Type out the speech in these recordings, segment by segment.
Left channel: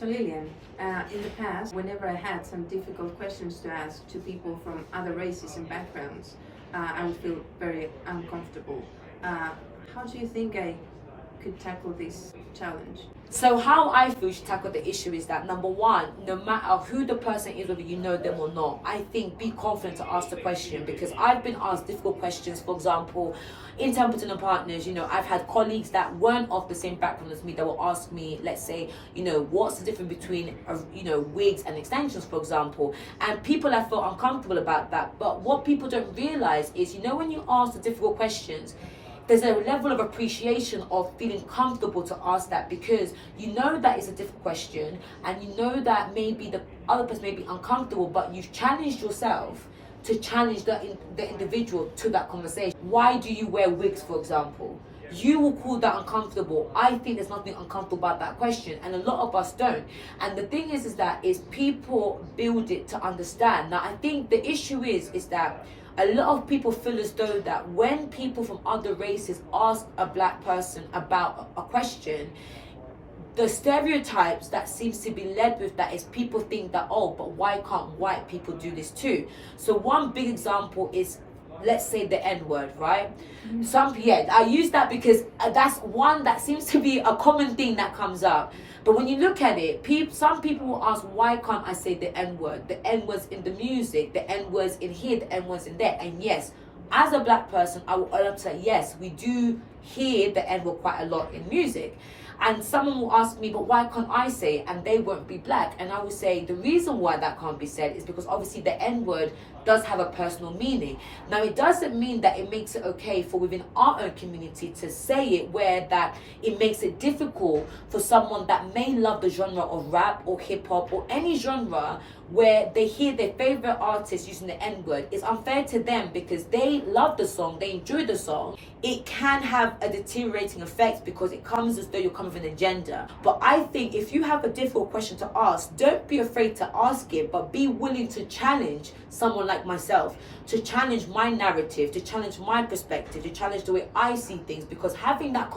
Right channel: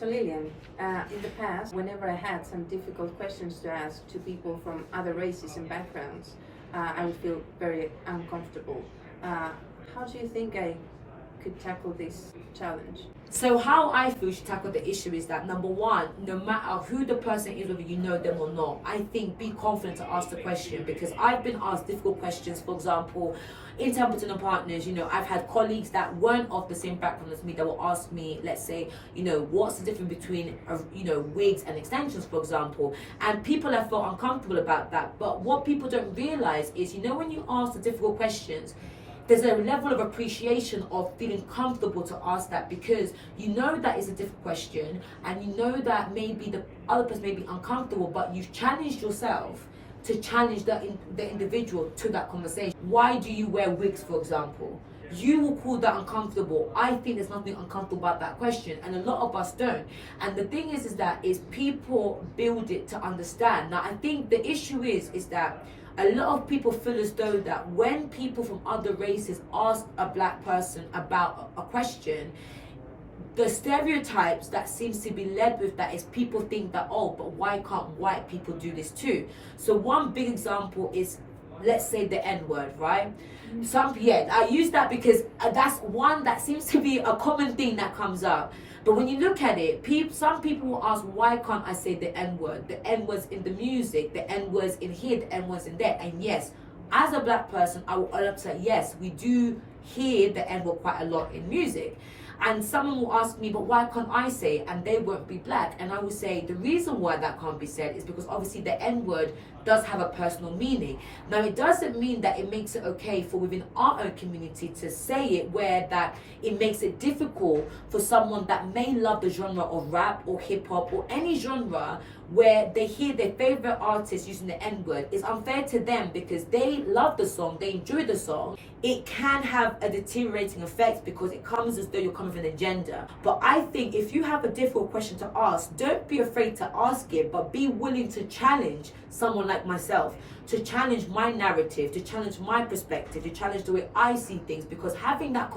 So Lillian, in the past, whenever I had some difficult questions to ask to people from other races and backgrounds, I would feel very uncomfortable. How do you think I could tackle this challenge? So how I feel you should tackle the issue is that, number one, no matter who the person is, whether you know them or not, I think be confident to ask the question, because I've been asked difficult questions. For example, in Templeton and Partners, I've had colleagues that weren't of the same background as me that will ask me, let's say, what's the difference between, wigs and extensions, for example. And people have felt uncomfortable about that. But what people don't realize is, when you ask the difficult questions, there's a level of appreciation of feeling comfortable to ask that, because that is a difficult question, and that maybe the other person may be uncomfortable, but you've challenged yourself to challenge the individual to that conversation. Why do you wear wigs, for example? You will call that uncomfortable. I think there's nothing uncomfortable about that question, and a lot of us don't. And the thing is that people build it to understand. Now, I think the issue is that a lot of people feel as though that when people from other races ask a black person about a question, the stereotypes that seems to be led with that is people think that, oh, but why can't white people do this too? So one big example is, let's say, the N-word, right? I use that because that's one that seems to be a common thing that comes up. But when you look at it, some people will ask, why can't I say the N-word? The N-word's in the music, the N-word's in here, the N-word's in there. And yes, as a black person, I will say, yes, we do hear the N-word quite a lot in music. And someone will ask me, but why can't I say it? And they won't be black. And I will say, the reason why that can't be said is because obviously the N-word does have a personal meaning. Now, it doesn't mean that it makes it okay for within our own community to say it, where that it makes it difficult for someone that may love the genre of rap or hip hop or any genre where they hear their favorite artist using the N-word. It's unfair to them because they love the song, they enjoy the song. It can have a deteriorating effect because it comes as though you're coming from an agenda. But I think if you have a difficult question to ask, don't be afraid to ask it, but be willing to challenge someone like myself, to challenge my narrative, to challenge my perspective, to challenge the way I see things, because having that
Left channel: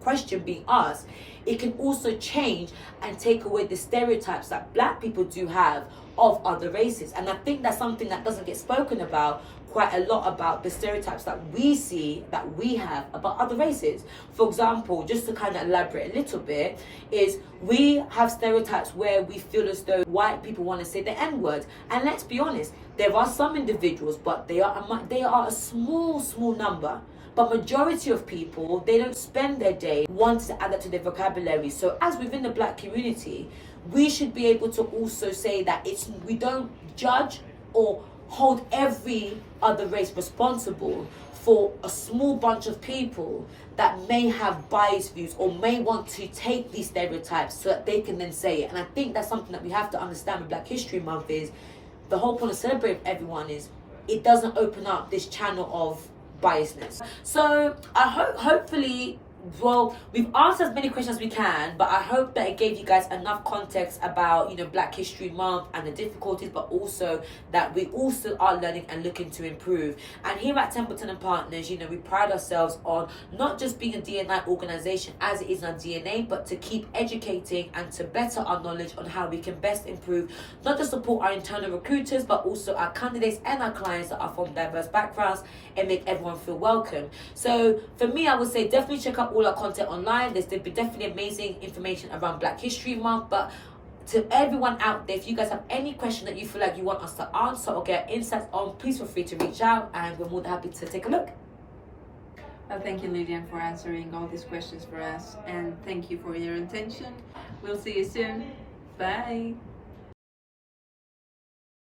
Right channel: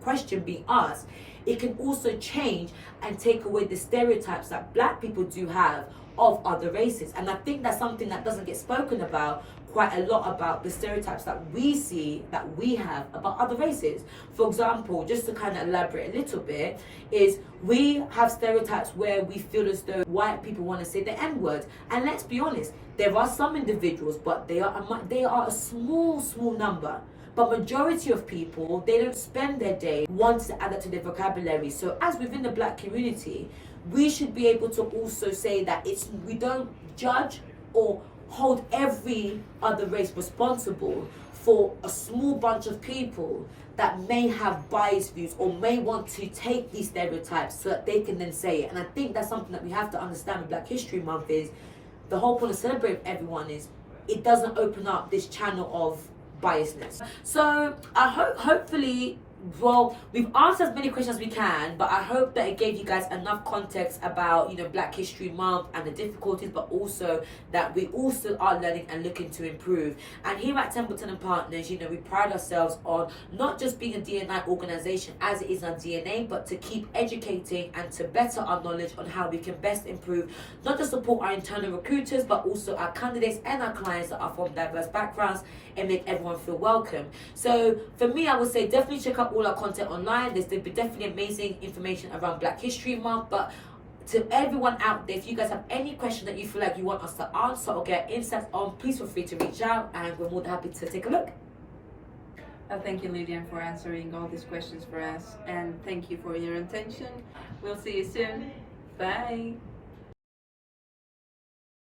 question being asked, it can also change and take away the stereotypes that black people do have of other races. And I think that's something that doesn't get spoken about quite a lot, about the stereotypes that we see, that we have about other races. For example, just to kind of elaborate a little bit, is we have stereotypes where we feel as though white people want to say the N-word. And let's be honest, there are some individuals, but they are a small number. But majority of people, they don't spend their day wanting to add that to their vocabulary. So as within the black community, we should be able to also say that we don't judge or hold every other race responsible for a small bunch of people that may have biased views or may want to take these stereotypes so that they can then say it. And I think that's something that we have to understand with Black History Month, is the whole point of celebrating everyone is it doesn't open up this channel of biasness. So I hopefully, we've answered as many questions as we can, but I hope that it gave you guys enough context about, Black History Month and the difficulties, but also that we also are learning and looking to improve. And here at Templeton and Partners, we pride ourselves on not just being a D&I organization as it is in our DNA, but to keep educating and to better our knowledge on how we can best improve, not just support our internal recruiters, but also our candidates and our clients that are from diverse backgrounds, and make everyone feel welcome. So for me, I would say definitely check out all our content online. There's definitely amazing information around Black History Month. But to everyone out there, if you guys have any question that you feel like you want us to answer or get insights on, please feel free to reach out, and we're more than happy to take a look. Thank you, Lillian, for answering all these questions for us, and thank you for your attention. We'll see you soon. Bye.